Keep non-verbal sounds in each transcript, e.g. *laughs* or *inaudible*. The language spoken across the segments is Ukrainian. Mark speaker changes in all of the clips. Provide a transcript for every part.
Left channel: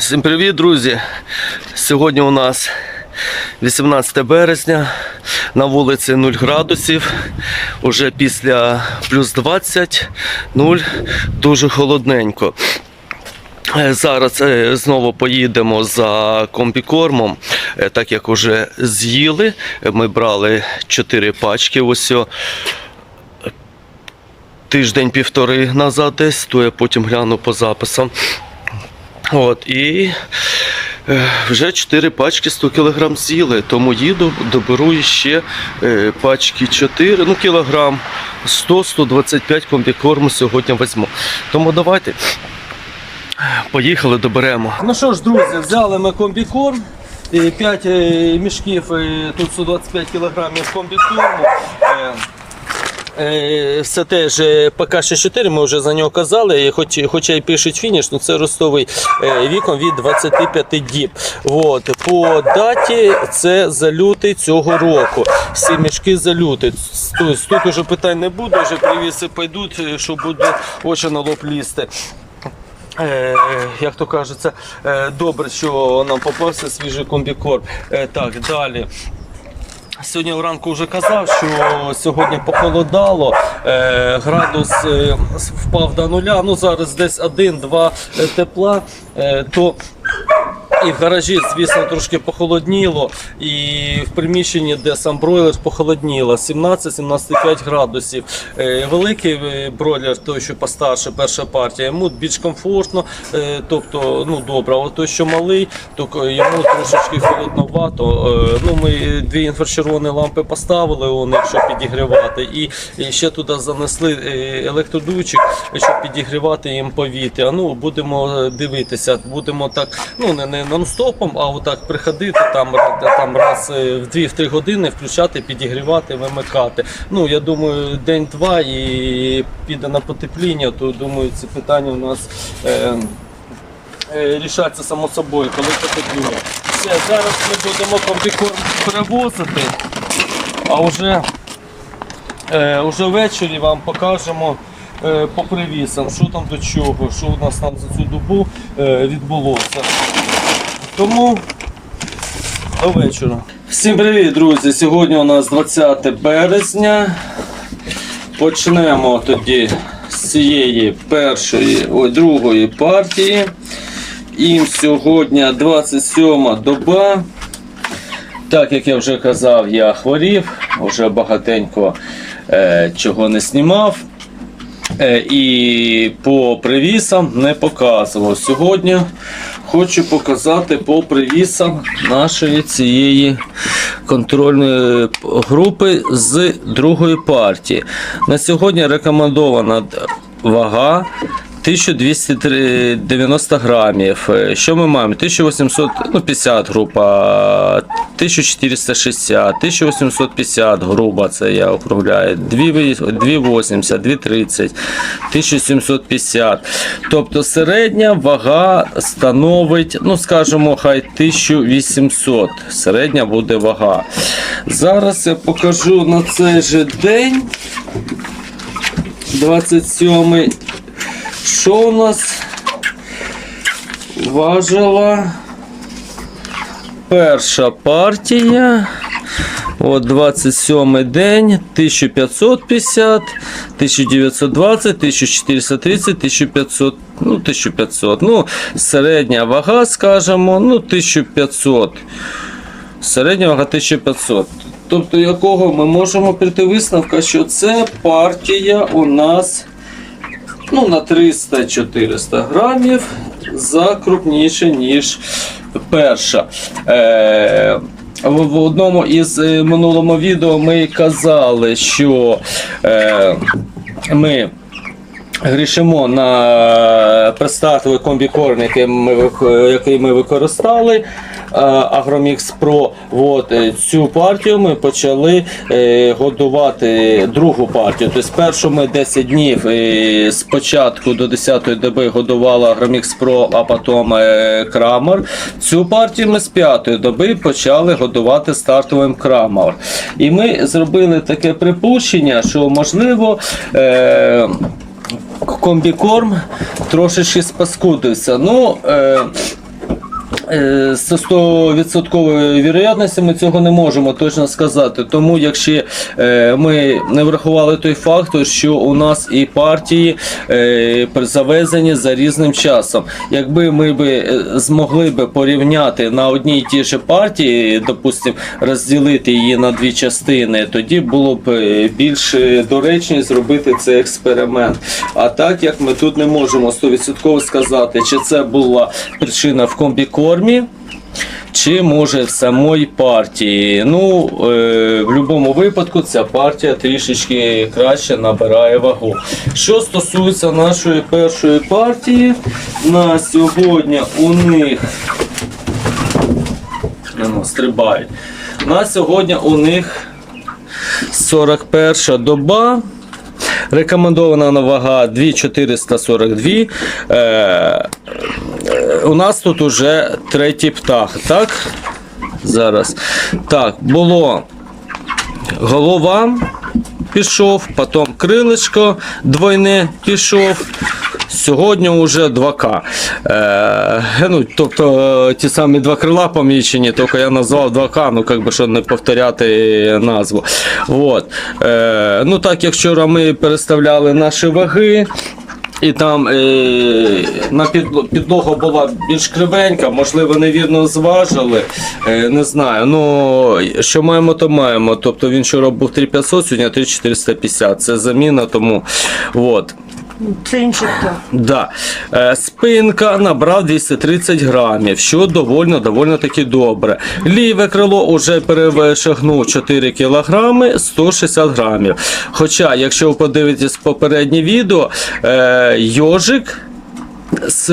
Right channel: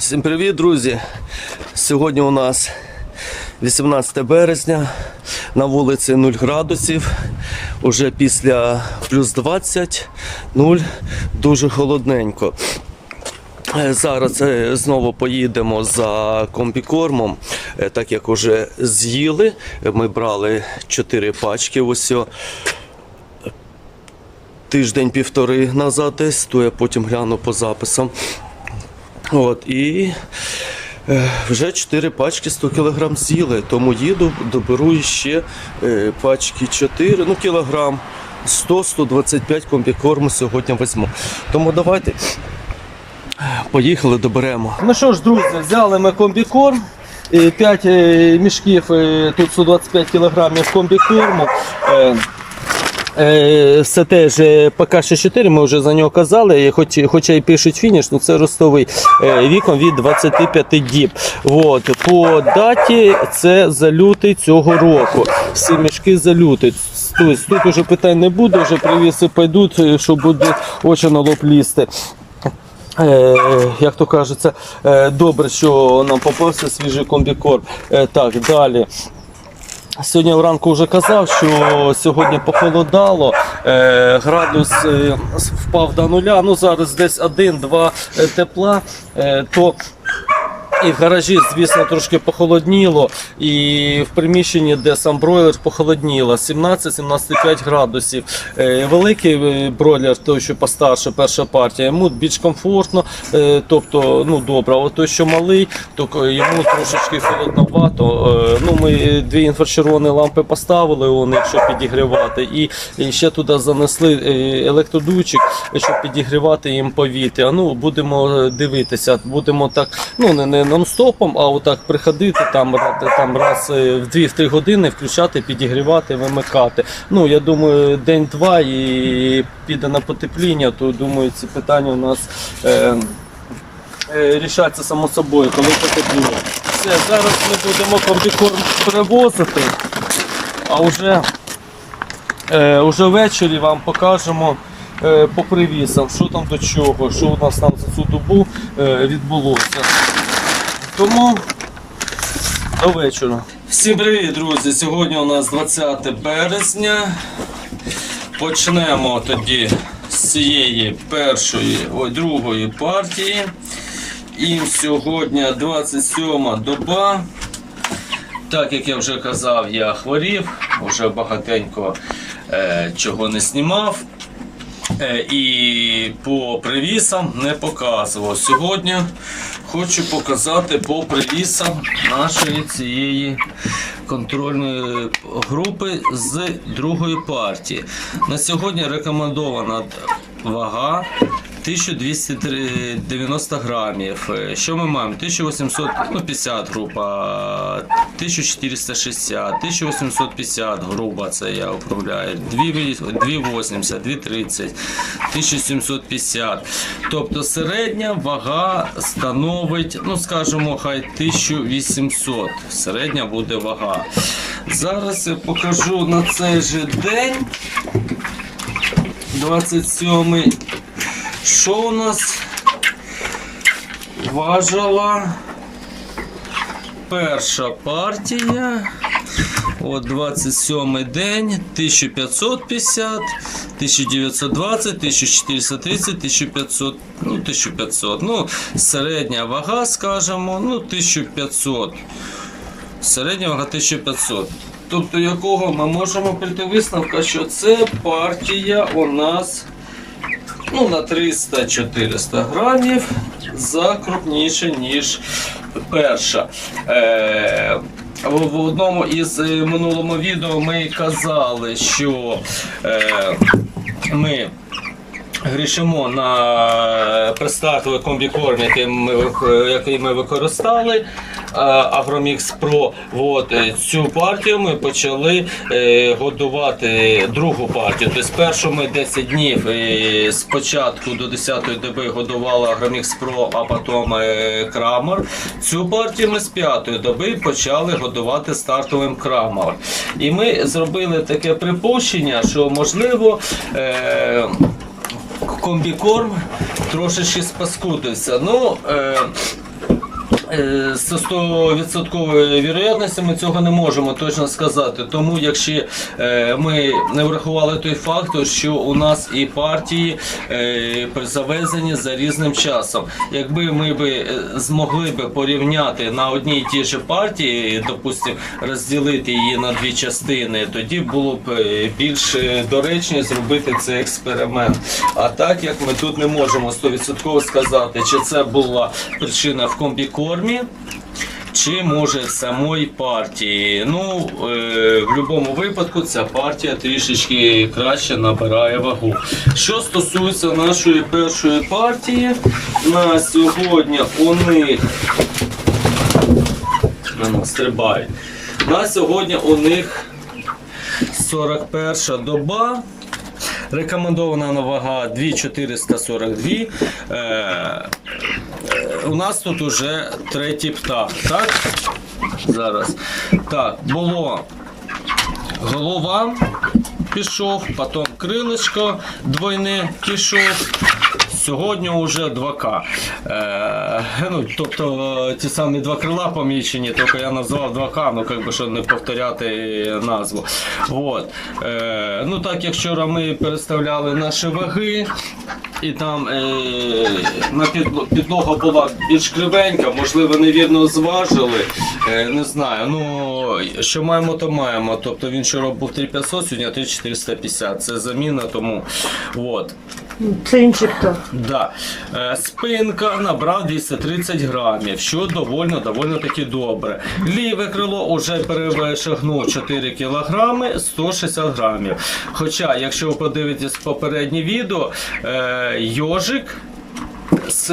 Speaker 1: Всім привіт, друзі! Сьогодні у нас 18 березня, на вулиці 0 градусів. Уже після плюс 20, 0, дуже холодненько. Е, Зараз е, знову поїдемо за комбікормом, е, так як вже з'їли. Ми брали 4 пачки. Ось тиждень-півтори назад десь, то я потім гляну по записам. От, і е, вже 4 пачки 100 кг з'їли, тому їду, доберу ще е, пачки 4, ну кілограм 100-125 комбікорму сьогодні візьму. Тому давайте поїхали, доберемо. Ну що ж, друзі, взяли ми комбікорм. 5 мішків, е, тут 125 кг комбікорму. Це теж е, ПК-64, ми вже за нього казали, хоч, хоча й пишуть фініш, але це ростовий е, віком від 25 діб. От. По даті це за лютий цього року. Всі мішки за лютий. Тобто, тут вже питань не буде, вже привіси пойдуть, е, що буде очі на лоб лізти. Е, як то кажеться, добре, що нам попався свіжий комбікорм. Так, далі. Сьогодні вранку вже казав, що сьогодні похолодало, е, градус е, впав до нуля. Ну зараз десь 1-2 тепла, е, то і в гаражі, звісно, трошки похолодніло, і в приміщенні, де сам бройлер, похолодніло 17-17,5 градусів. Е, Великий е, бройлер, той, що постарше, перша партія, йому більш комфортно, е, тобто ну добре. А той, що малий, то йому трошечки холодновато. Ну, Ми дві інфрачервоні лампи поставили, вони, щоб підігрівати, і, ще туди занесли електродуйчик, щоб підігрівати їм повітря. Ну, будемо дивитися, будемо так, ну не, не нон-стопом, а отак приходити там, там раз е, в 2-3 години включати, підігрівати, вимикати. Ну, я думаю, день-два і піде на потепління, то думаю, ці питання у нас. Е, е, рішаться само собою, коли потепліє. Все, зараз ми будемо комбікорм перевозити, а вже, е, вже ввечері вам покажемо е, по привісам, що там до чого, що у нас там за цю добу е, відбулося. Тому до вечора. Всім привіт, друзі! Сьогодні у нас 20 березня. Почнемо тоді з цієї першої, ой, другої партії. Їм сьогодні 27 доба. Так як я вже казав, я хворів, вже багатенько е, чого не знімав. Е, і по привісам не показував. Сьогодні хочу показати по привісам нашої цієї контрольної групи з другої партії. На сьогодні рекомендована вага 1290 грамів. Е, Що ми маємо? 1850 група, 1460, 1850 груба, це я округляю, 280, 230, 1750. Тобто середня вага становить, ну скажімо, хай 1800. Середня буде вага. Зараз я покажу на цей же день. 27 що у нас важила перша партія. От 27 день, 1550, 1920, 1430, 1500, ну 1500. Ну, середня вага, скажімо, ну 1500. Середня вага 1500. Тобто, якого ми можемо прийти висновка, що це партія у нас ну, на 300-400 грамів закрупніше, ніж перша. Е, в одному із е, минулому відео ми казали, що е, ми грішимо на предстартовий комбікорм, який ми, вих- який ми використали. Агромікс Pro. От, е, цю партію ми почали е, годувати другу партію. Тобто першу ми 10 днів е, з початку до 10-ї доби годували Агромікс Pro, а потім е, Крамер. Цю партію ми з 5 доби почали годувати стартовим Крамер. І ми зробили таке припущення, що можливо. Е, комбікорм трошечки спаскудився. Ну, е, Е, З 100% вірогідності ми цього не можемо точно сказати. Тому якщо е, ми не врахували той фактор, що у нас і партії е, завезені за різним часом. Якби ми би е, змогли би порівняти на одній і ті ж партії, допустимо, розділити її на дві частини, тоді було б е, більш е, доречність зробити цей експеримент. А так як ми тут не можемо 100% сказати, чи це була причина в комбікормі, чи може самої партії. Ну, е, в будь-якому випадку ця партія трішечки краще набирає вагу. Що стосується нашої першої партії, на сьогодні у них стрибають. На сьогодні у них 41 доба. Рекомендована вага 2442. Е, е, у нас тут уже третій птах, так? Зараз. Так, було голова пішов, потім крилечко двойне пішов. Сьогодні вже 2К. Е, ну, тобто ті самі два крила помічені, тільки я назвав 2К, ну як би щоб не повторяти назву. От. Е, ну так як вчора ми переставляли наші ваги. І там е, на підло- підлога була більш кривенька, можливо, невірно зважили. Е, не знаю. Ну, що маємо, то маємо. Тобто він вчора був 3500, сьогодні 3450. Це заміна, тому от.
Speaker 2: Це інший хто.
Speaker 1: Да. Е, спинка набрав 230 грамів, що довольно, довольно таки добре. Ліве крило вже перевишагнув 4 кілограми 160 грамів. Хоча, якщо ви подивитесь попереднє відео, е, йожик. З,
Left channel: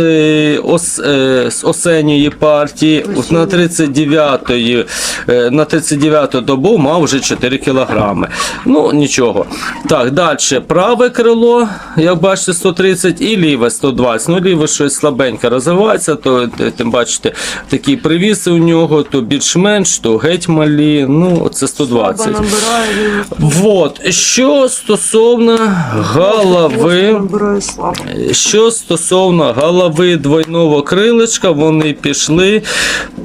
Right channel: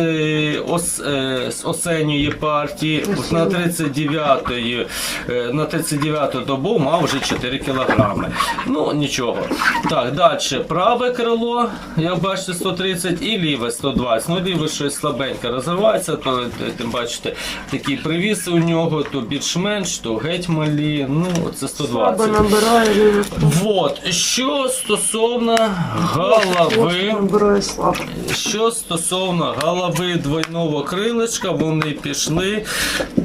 Speaker 1: ос, е, з осенньої партії от на 39-ї, е, на 39 добу мав вже 4 кілограми. Ну, нічого. Так, далі. Праве крило, як бачите, 130 і ліве 120. Ну, ліве щось слабенько розвивається, то е, тим бачите, такі привіси у нього, то більш-менш, то геть малі. Ну, це 120.
Speaker 2: Слабо набирає лівий.
Speaker 1: Вот. Що стосовно голови. Що стосовно голови двойного крилечка, вони пішли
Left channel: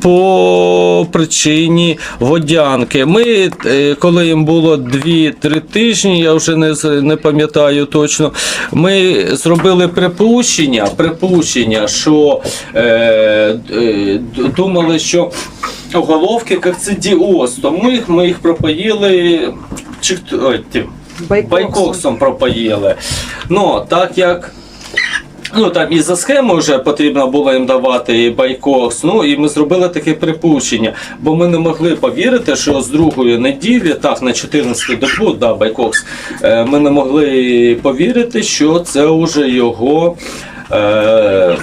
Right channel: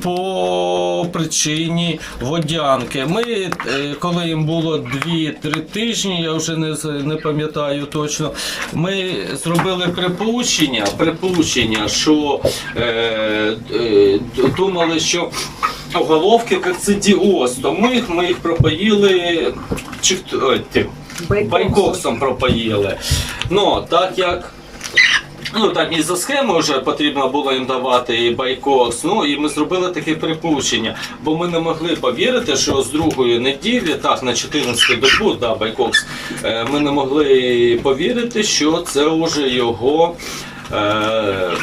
Speaker 1: по причині водянки. Ми, е, коли їм було 2-3 тижні, я вже не, не пам'ятаю точно, ми зробили припущення, припущення що е, е, думали, що головки кокцидіоз, тому їх, ми їх пропоїли чи,
Speaker 2: Байкоксом.
Speaker 1: байкоксом пропоїли. Ну, так як. Ну там і за схемою вже потрібно було їм давати і байкокс. Ну і ми зробили таке припущення, бо ми не могли повірити, що з другої неділі, так на 14 добу, да, байкокс, е, ми не могли повірити, що це вже його. Е,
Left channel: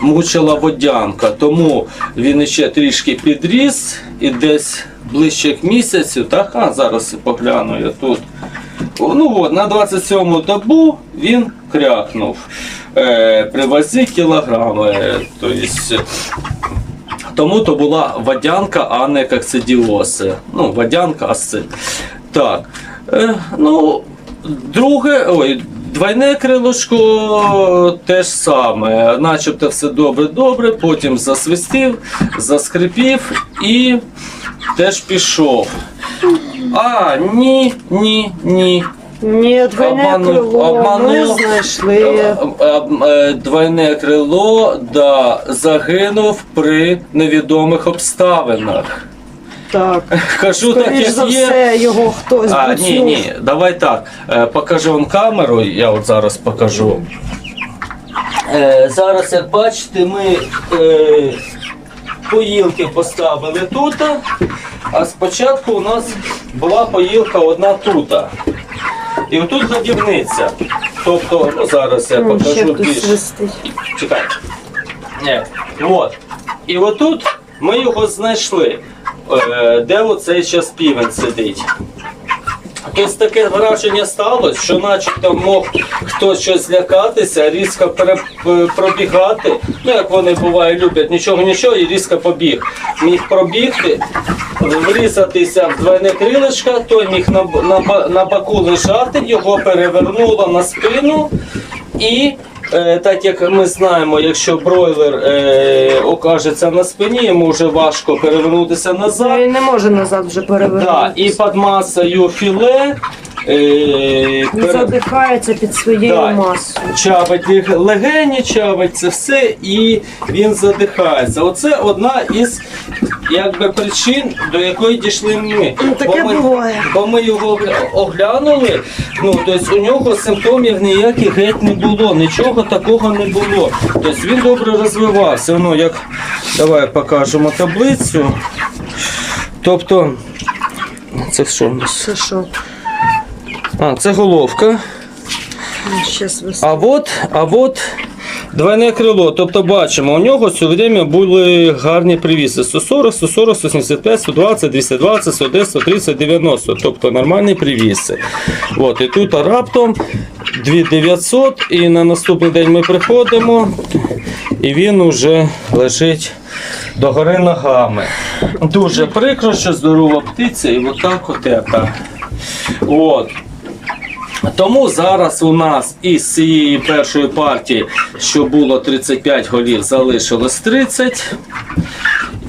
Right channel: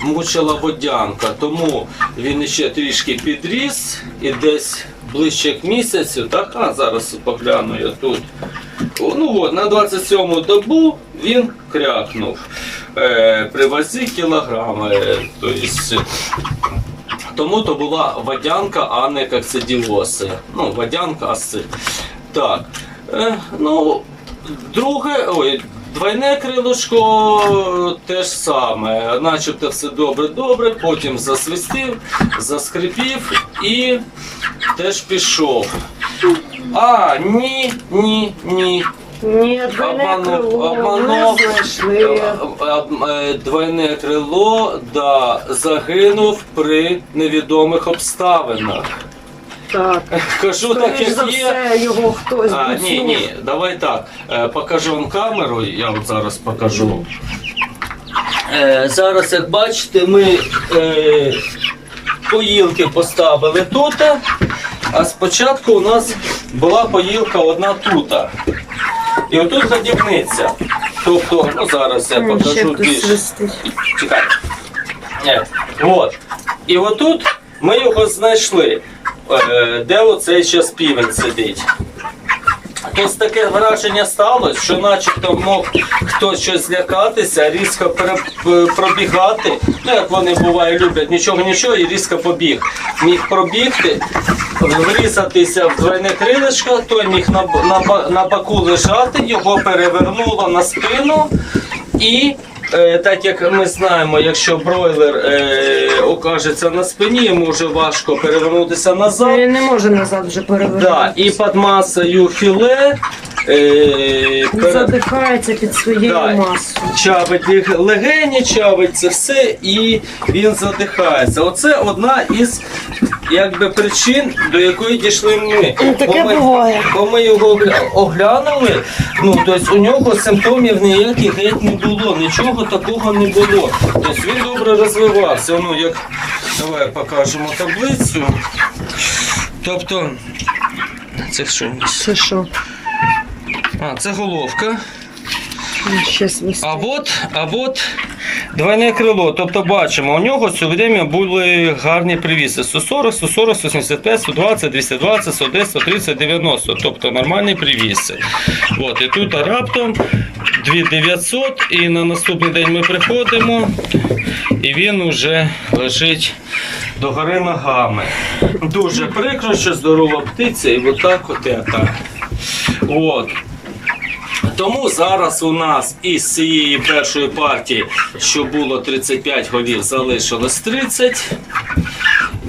Speaker 1: Мучила водянка, тому він іще трішки підріс і десь ближче к місяцю, так, а зараз погляну я тут. Ну от, на 27 добу він крякнув. Е, при вазі кілограми. Тобто, тому то була водянка, а не коксидіоз. Ну, водянка, асцит. Так. Е, ну, друге, ой, двойне крилишко теж саме. Начебто все добре-добре, потім засвистів, заскрипів і теж пішов. А, ні, ні, ні.
Speaker 2: Ні, двойне
Speaker 1: Обманув,
Speaker 2: крило. Ми знайшли.
Speaker 1: Е, е, Двойне крило да, загинув при невідомих обставинах.
Speaker 2: Так.
Speaker 1: Кажу так,
Speaker 2: Скоріш за
Speaker 1: є.
Speaker 2: все, його хтось
Speaker 1: А, ні, ні, давай так. Е, Покажу вам камеру, я от зараз покажу. Е, зараз, як бачите, ми е, поїлки поставили тут, а спочатку у нас була поїлка одна тут. І отут задівниця, Тобто, ну зараз я покажу
Speaker 2: більше.
Speaker 1: більш. Чекай. Ні. От. І отут ми його знайшли, е, де оцей зараз півень сидить. Тобто таке враження сталося, що начебто мог хтось щось злякатися, різко пробігати. Ну, як вони буває, люблять нічого нічого і різко побіг. Міг пробігти, врізатися в двойне крилечко, той міг на, б- на, на боку лежати, його перевернуло на спину і так як ми знаємо, якщо бройлер е, окажеться на спині, йому вже важко перевернутися назад.
Speaker 2: Він не може назад вже
Speaker 1: Да, і під масою філе е,
Speaker 2: Він
Speaker 1: пере-
Speaker 2: задихається під своєю
Speaker 1: Да.
Speaker 2: масою.
Speaker 1: чавить їх легені, чавить це все, і він задихається. Оце одна із якби, причин, до якої дійшли ми.
Speaker 2: Ну, таке
Speaker 1: бо ми,
Speaker 2: буває.
Speaker 1: Бо ми його оглянули, ну тобто у нього симптомів ніяких геть не було, нічого такого не було. Тобто він добре розвивався. Ну, як, давай покажемо таблицю. Тобто, це що? у нас?
Speaker 2: Це що?
Speaker 1: А, це головка. А от, а от двойне крило. Тобто бачимо, у нього все время були гарні привіси. 140, 140, 175, 120, 220, 110, 130, 90. Тобто нормальні привіси. От, і тут раптом 2900 і на наступний день ми приходимо і він уже лежить догори ногами. Дуже прикро, що здорова птиця і отак от ета. От. Тому зараз у нас із цієї першої партії, що було 35 голів, залишилось 30.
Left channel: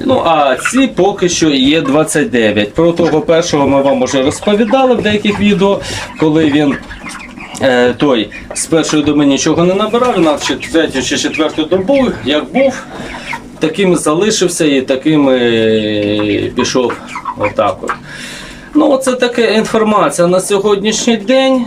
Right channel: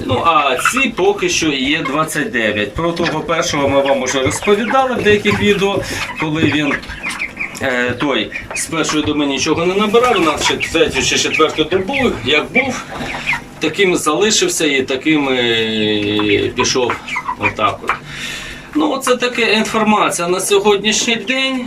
Speaker 1: Ну, а ці поки що є 29. Про того першого ми вам вже розповідали в деяких відео, коли він. Е, той з першої доби нічого не набирав, на третю чи четверту добу, як був, таким залишився і таким і пішов отак от. Ну, це така інформація на сьогоднішній день.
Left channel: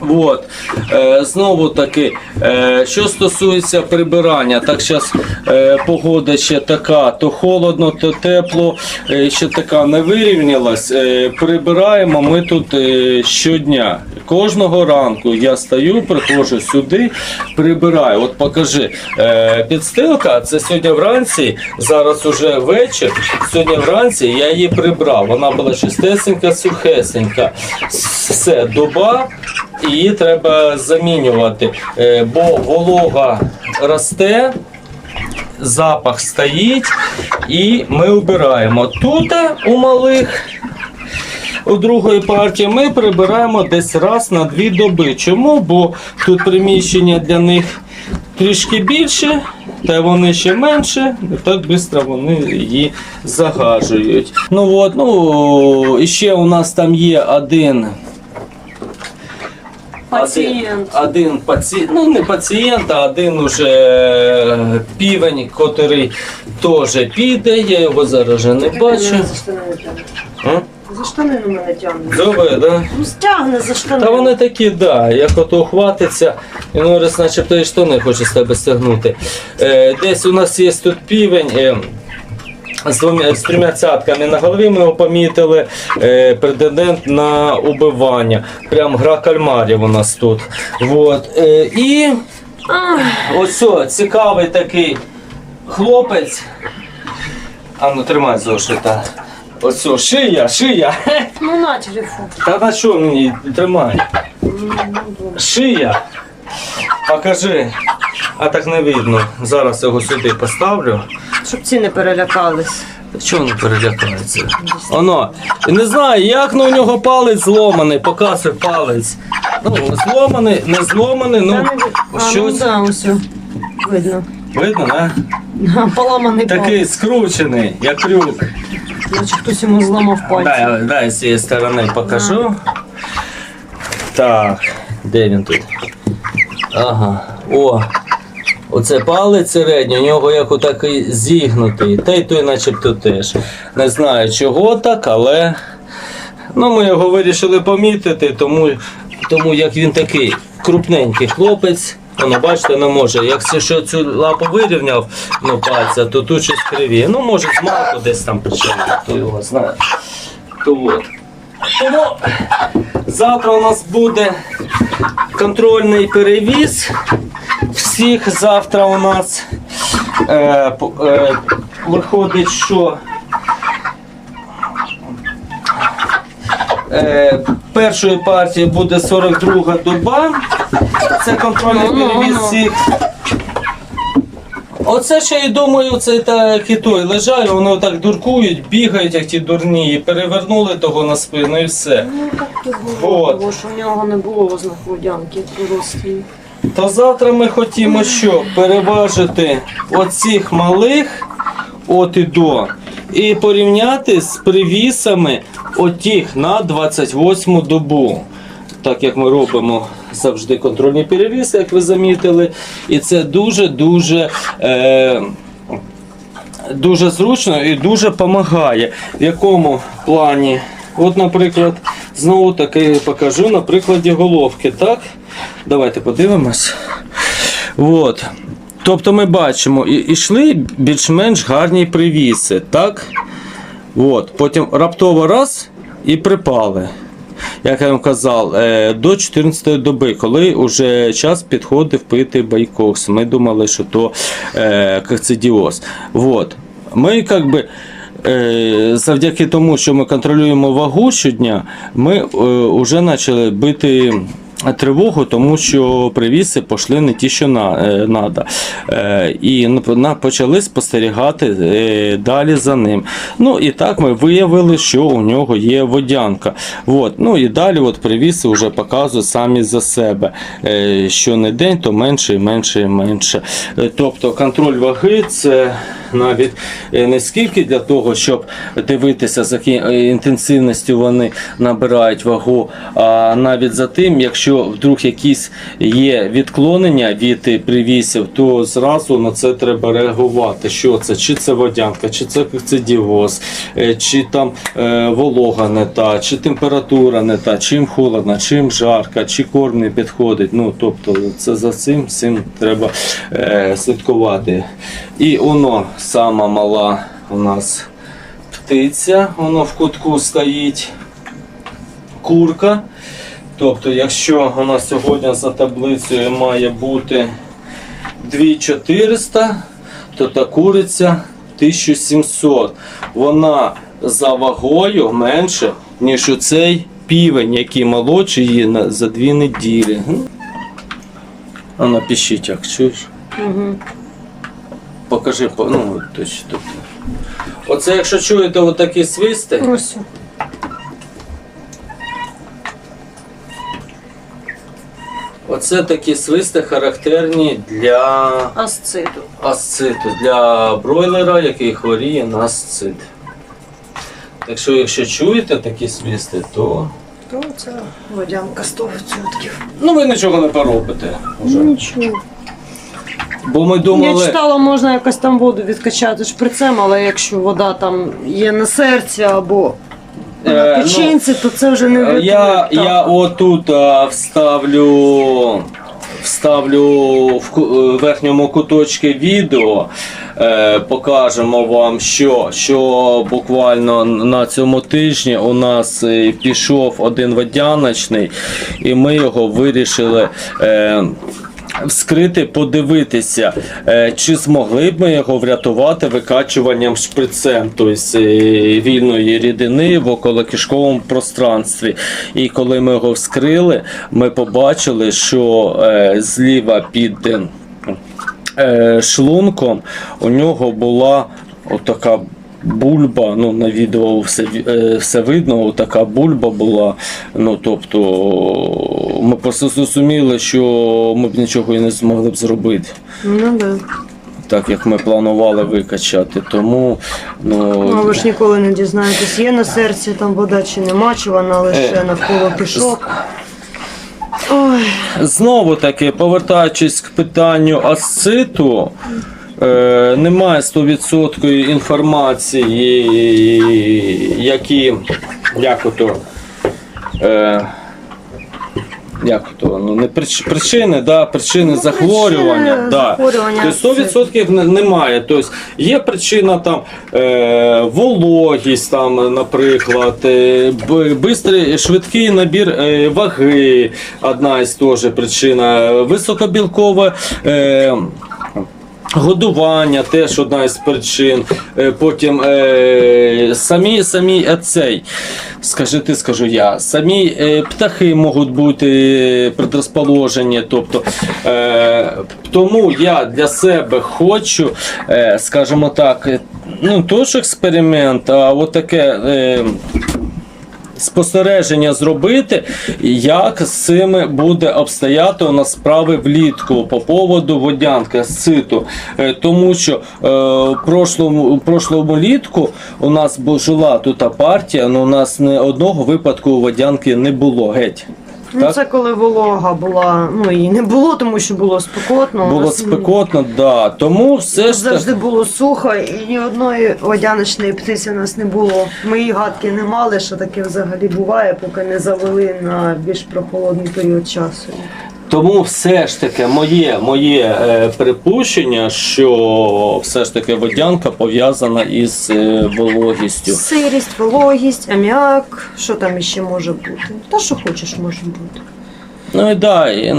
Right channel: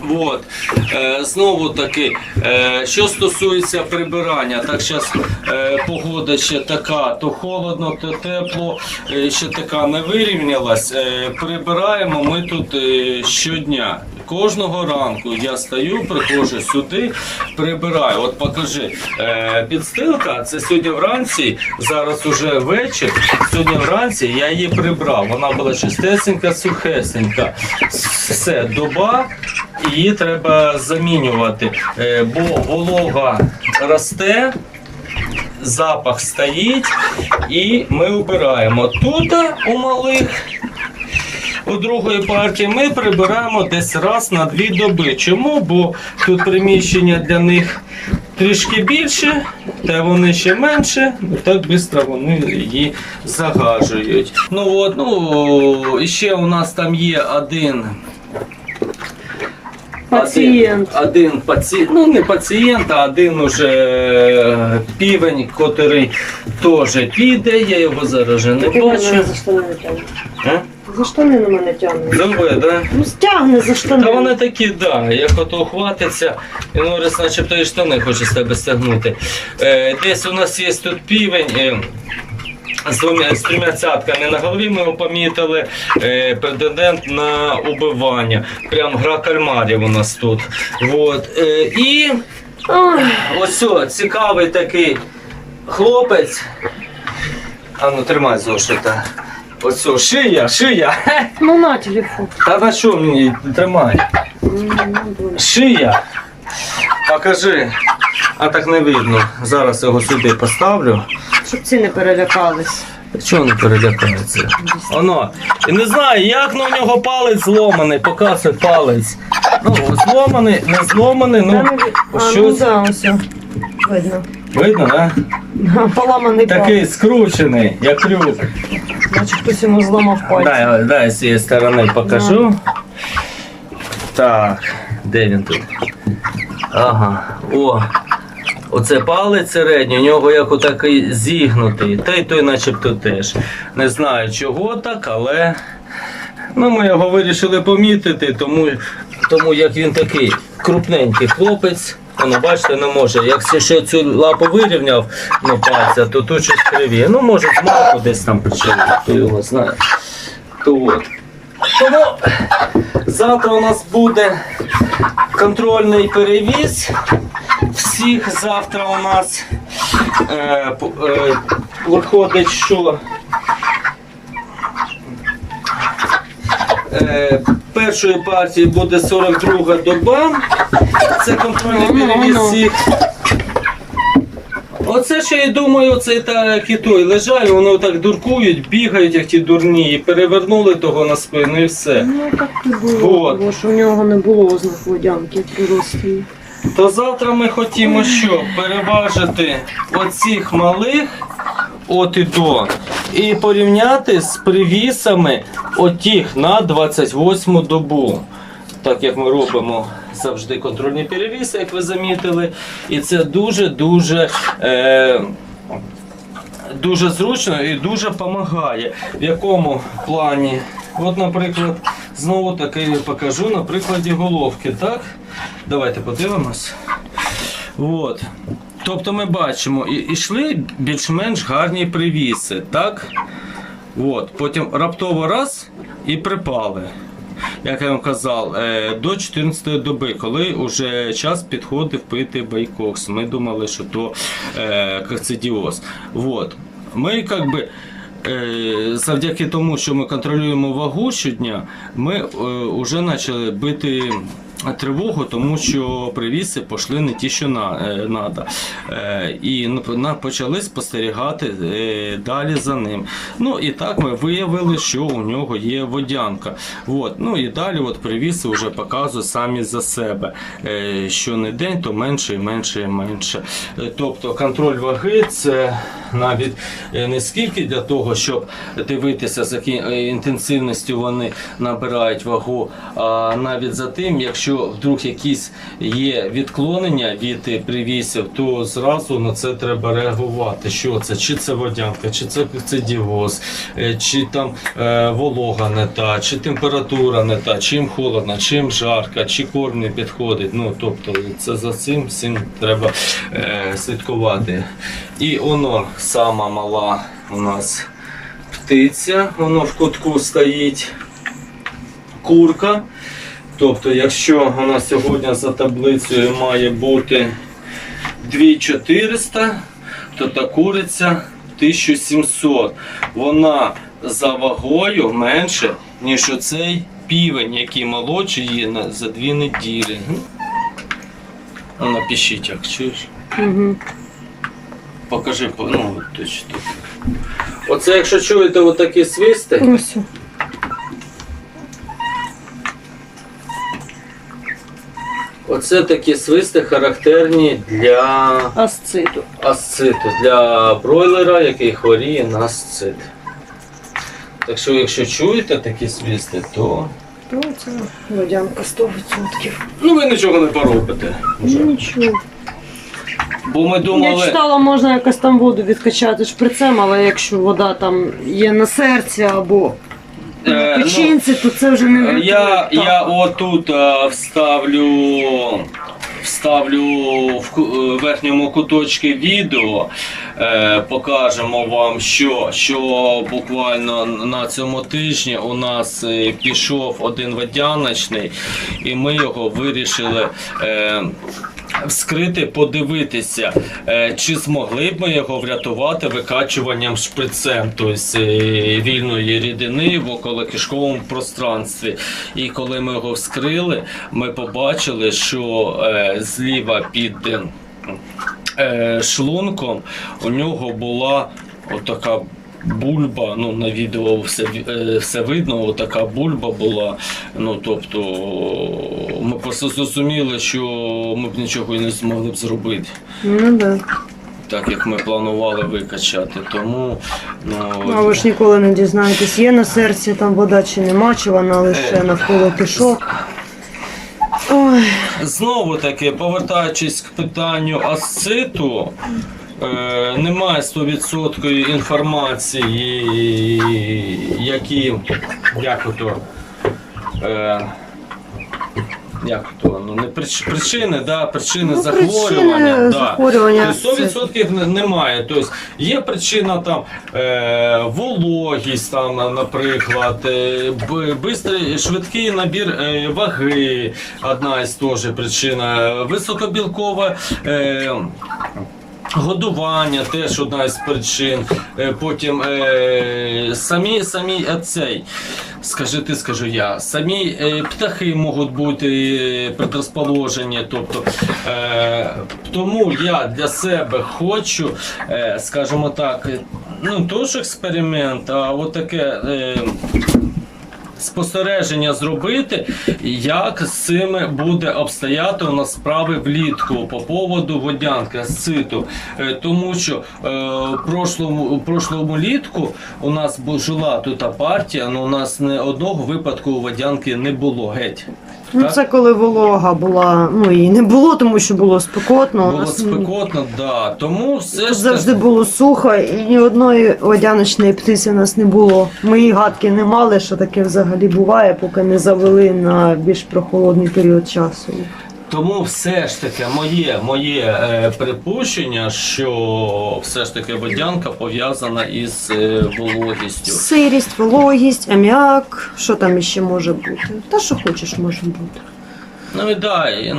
Speaker 1: От. Е, знову таки, е, що стосується прибирання, так зараз е, погода ще така, то холодно, то тепло, е, ще така не вирівнялась. Е, прибираємо ми тут е, щодня. Кожного ранку я стаю, приходжу сюди, прибираю. От покажи, е, підстилка, це сьогодні вранці, зараз уже вечір. Сьогодні вранці я її прибрав. Вона була чистесенька, сухесенька. Все, доба, її треба замінювати, е, бо волога росте. Запах стоїть і ми обираємо. Тут у малих у другої партії ми прибираємо десь раз на дві доби. Чому? Бо тут приміщення для них трішки більше, та вони ще менше, так швидко вони її загажують. Ну от, ну ще у нас там є один.
Speaker 2: Пацієнт.
Speaker 1: Один, один пацієнт, ну не пацієнт, а один уже півень, котрий теж піде, я його зараз же не бачу.
Speaker 2: За штани тягне.
Speaker 1: А?
Speaker 2: За штани на мене тягне.
Speaker 1: Живе, да?
Speaker 2: Ну стягне за штани.
Speaker 1: Та вони такі, да, як ото хватиться, і Норис начебто і штани хоче з тебе стягнути. Е, десь у нас є тут півень. Е, з, двома, з трьома цятками на голові ми його помітили. Е, претендент на убивання. Прям гра кальмарів у нас тут. Вот. Е, і ось о, цікавий такий хлопець. А ну тримай зошита. Ось о, шия, шия. *laughs*
Speaker 2: ну на телефон.
Speaker 1: Та на що мені тримай? Шия. Покажи. А так не видно. Зараз його сюди поставлю.
Speaker 2: Щоб ці не перелякались.
Speaker 1: Та Чого не перелякається? Оно. І не знаю, як на у нього палець зломаний, показує палець. Ну, зломаний, не зломаний,
Speaker 2: Та
Speaker 1: ну
Speaker 2: не ви- а, ну
Speaker 1: щось.
Speaker 2: да, ось. о. Видно.
Speaker 1: Видно, не?
Speaker 2: Да, Поламаний
Speaker 1: Такий
Speaker 2: палець.
Speaker 1: скручений, як крюк.
Speaker 2: Наче хтось йому зламав пальці.
Speaker 1: Дай, дай з цієї сторони покажу. Так, де він тут? Ага. О. Оце палець середній, у нього як отакий зігнутий. Та й той начебто теж. Не знаю чого так, але ну, ми його вирішили помітити, тому, тому як він такий крупненький хлопець. Воно, бачите, не може. Якщо цю лапу вирівняв ну, пальця, то тут щось кривіє. Ну, може, з малку десь там причому, хто його знає. То от. Тому завтра у нас буде контрольний перевіз. Всіх завтра у нас е, е, виходить, що е, першої партії буде 42 доба. Це контрольний перевіз всіх. Оце ще я думаю, це так і той лежать, воно так дуркують, бігають, як ті дурні, і перевернули того на спину і все.
Speaker 2: Ну так і було,
Speaker 1: Вот.
Speaker 2: тому що в нього не було ознак водянки при
Speaker 1: то завтра ми хотімо що? Переважити оцих малих от і до. І порівняти з привісами отіх на 28 добу. Так як ми робимо завжди контрольні перевіси, як ви замітили. І це дуже-дуже. Е, дуже зручно і дуже допомагає. В якому плані? От, наприклад, знову таки покажу на прикладі головки. Так? Давайте подивимось. От. Тобто ми бачимо, і йшли більш-менш гарні привіси, так? От. Потім раптово раз і припали. Як я вам казав, е, до 14 доби, коли вже час підходив пити байкокс. Ми думали, що то е, кокцидіоз. Вот. Ми як би. е, Завдяки тому, що ми контролюємо вагу щодня, ми вже почали бити тривогу, тому що привіси пішли не ті, що на, е. Е, і почали спостерігати е, далі за ним. Ну і так ми виявили, що у нього є водянка. От. Ну і далі от привіси вже показують самі за себе. Що не день, то менше і менше і менше. Тобто контроль ваги це *laughs* навіть е, не скільки для того, щоб дивитися, з якою інтенсивністю вони набирають вагу, а навіть за тим, якщо вдруг якісь є відклонення від е, привісів, то зразу на це треба реагувати. Що це? Чи це водянка, чи це е, чи там е, волога не та, чи температура не та, чим холодно, чим жарко, чи корм не підходить. Ну тобто це за цим всім треба е, слідкувати. І воно сама мала у нас птиця, воно в кутку стоїть курка. Тобто, якщо нас сьогодні за таблицею має бути 2400, то та куриця 1700. Вона за вагою менше, ніж оцей півень, який молодший її за дві неділі. А напишіть, як чуєш.
Speaker 2: Угу.
Speaker 1: Покажи, ну, точно тут. Оце, якщо чуєте отакі свисти,
Speaker 2: Ось.
Speaker 1: оце такі свисти характерні для
Speaker 2: Асциту.
Speaker 1: асциту, для бройлера, який хворіє на асцит. Так що, якщо чуєте такі свисти, то
Speaker 2: То це водянка 100%.
Speaker 1: ну ви нічого не поробите. Вже.
Speaker 2: Нічого.
Speaker 1: Бо ми
Speaker 2: Я читала, можна якось там воду відкачати шприцем, але якщо вода там є на серці або
Speaker 1: Е,
Speaker 2: на
Speaker 1: ну,
Speaker 2: печінці, то це вже не врятує.
Speaker 1: Я,
Speaker 2: Так.
Speaker 1: я отут а, вставлю, вставлю в ку- е, верхньому куточку відео. Е, покажемо вам, що, що буквально на цьому тижні у нас е, пішов один водяночний, і ми його вирішили. Е, Вскрити, подивитися, е, чи змогли б ми його врятувати викачуванням шприцем, тобто е, вільної рідини в околокишковому пространстві. І коли ми його вскрили, ми побачили, що е, зліва під шлунком у нього була отака бульба. Ну, на відео все, е, все видно, така бульба була. Ну, тобто, ми просто зрозуміли, що ми б нічого і не змогли б зробити.
Speaker 2: Ну да.
Speaker 1: Так як ми планували викачати, тому ну,
Speaker 2: Ну, а ви ж ніколи не дізнаєтесь, є на серці там вода чи нема, чи вона лише
Speaker 1: Е.
Speaker 2: навколо кишок. Ой,
Speaker 1: Знову таки, повертаючись к питанню асциту, е, немає 100% інформації, які як ото. Е, як то, ну, не прич, причини, да, причини
Speaker 2: Ну,
Speaker 1: захворювання.
Speaker 2: причини
Speaker 1: да.
Speaker 2: захворювання
Speaker 1: Тобто 100% не- немає. Тобто є причина там е, вологість, там, наприклад, е, бистрий, швидкий набір е, ваги, одна із теж причина, високобілкове. Е, Годування теж одна із причин. Е, Потім е, самі самі е, цей, скажи ти, скажу я, самі е, птахи можуть бути предрозположені. Тобто, е, тому я для себе хочу, е, скажімо так, е, ну теж експеримент, а от таке. Е, спостереження зробити, як з цим буде обстояти у нас справи влітку по поводу водянки з циту. Е, Тому що е, в прошлому, прошлому літку у нас жила тут партія, але у нас не одного випадку водянки не було геть.
Speaker 2: Ну, це коли волога була, ну і не було, тому що було спекотно. У
Speaker 1: Було
Speaker 2: нас,
Speaker 1: спекотно, да. Тому все ж
Speaker 2: завжди
Speaker 1: таки-
Speaker 2: було сухо, і ні одної водяночної птиці у нас не було. Ми і гадки не мали, що таке взагалі буває, поки не завели на більш прохолодний період часу.
Speaker 1: Тому все ж таки моє, моє е, припущення, що все ж таки водянка пов'язана із е, вологістю.
Speaker 2: Сирість, вологість, аміак, що там іще може бути? Та що хочеш, може бути.
Speaker 1: Ну і да, і,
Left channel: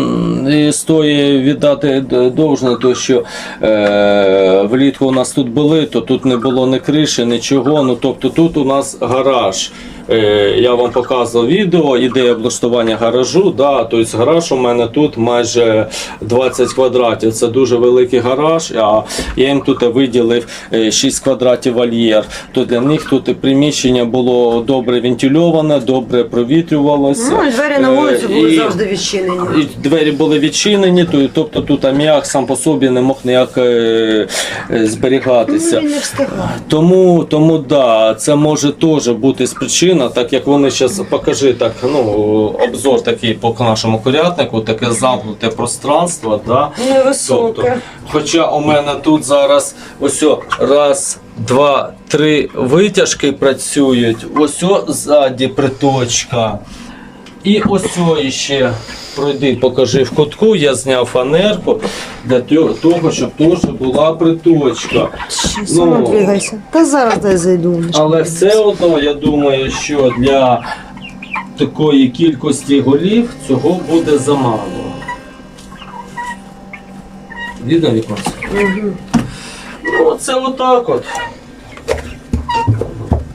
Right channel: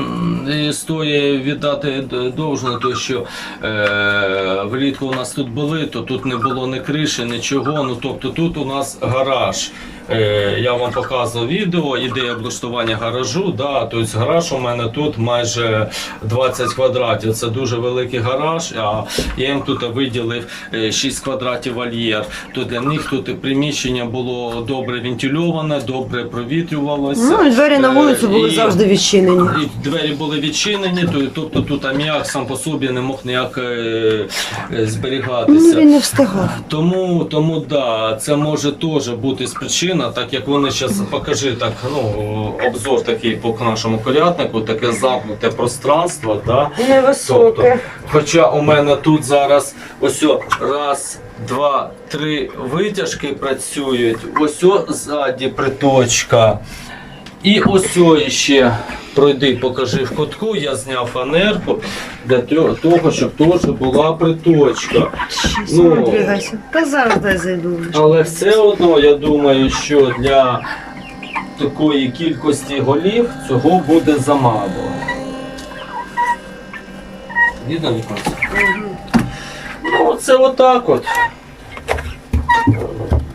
Speaker 1: і стоїть віддати довжне, то що е, влітку у нас тут були, то тут не було ні криші, нічого. Ну тобто тут у нас гараж. Е, я вам показував відео, ідея облаштування гаражу. Да, тобто гараж у мене тут майже 20 квадратів. Це дуже великий гараж. А я їм тут виділив е, 6 квадратів вольєр. То для них тут приміщення було добре вентильоване, добре провітрювалося.
Speaker 2: Ну, і двері на
Speaker 1: Е,
Speaker 2: вулицю були
Speaker 1: і-
Speaker 2: завжди відчинені.
Speaker 1: і двері були відчинені, то- тобто тут аміак сам по собі не мог ніяк е, е,
Speaker 2: Ну,
Speaker 1: зберігатися.
Speaker 2: не встигав.
Speaker 1: Тому, тому да, це може теж бути з причина, так як вони зараз покажи так, ну, обзор такий по нашому курятнику, таке замкнуте пространство. Да?
Speaker 2: Невисоке.
Speaker 1: Хоча у мене тут зараз ось раз, два, три витяжки працюють, ось ззаді приточка. І ось о ще пройди, покажи в кутку, я зняв фанерку для того, щоб теж була приточка. Ну.
Speaker 2: Та зараз дай зайду.
Speaker 1: Але все одно я думаю, що для такої кількості голів цього буде замало. Видно віконце?
Speaker 2: Мгм.
Speaker 1: Ну, це отак от.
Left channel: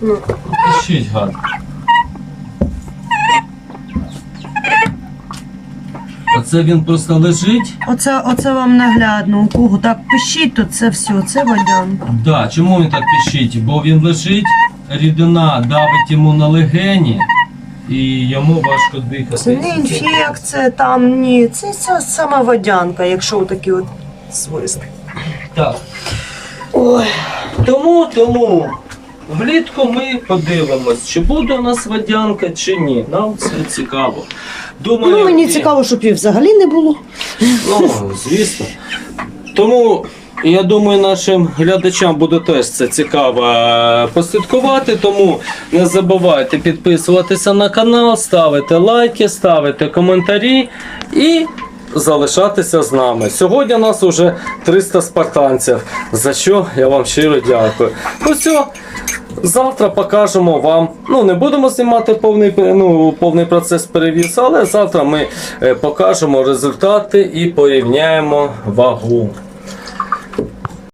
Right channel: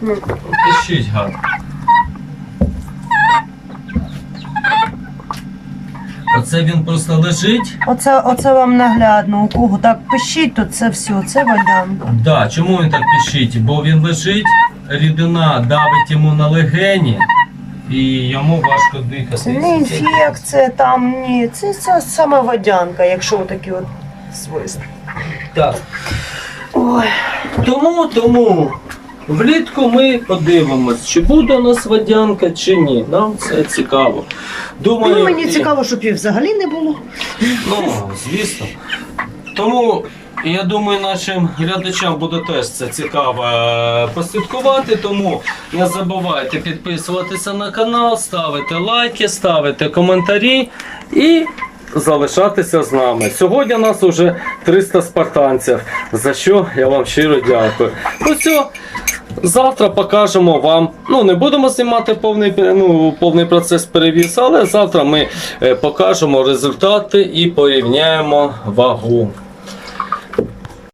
Speaker 2: Ну.
Speaker 1: Пишіть гад. Оце він просто лежить.
Speaker 2: Оце, оце вам наглядно. У кого так пишіть, то це все, це водянка.
Speaker 1: Да, чому він так пишіть? Бо він лежить, рідина давить йому на легені і йому важко дихати.
Speaker 2: Це не інфекція, там ні. Це, це саме водянка, якщо отакі от свист.
Speaker 1: Так.
Speaker 2: Ой.
Speaker 1: Тому, тому влітку ми подивимось, чи буде у нас водянка, чи ні. Нам це цікаво. Думаю,
Speaker 2: Ну, мені
Speaker 1: і-
Speaker 2: цікаво, щоб її взагалі не було.
Speaker 1: Ну, звісно. Тому я думаю, нашим глядачам буде теж це цікаво е, послідкувати. Тому не забувайте підписуватися на канал, ставити лайки, ставити коментарі і залишатися з нами. Сьогодні нас уже 300 спартанців, за що я вам щиро дякую. Ну все. Завтра покажемо вам. Ну, не будемо знімати повний, ну, повний процес перевіз, але завтра ми е, покажемо результати і порівняємо вагу.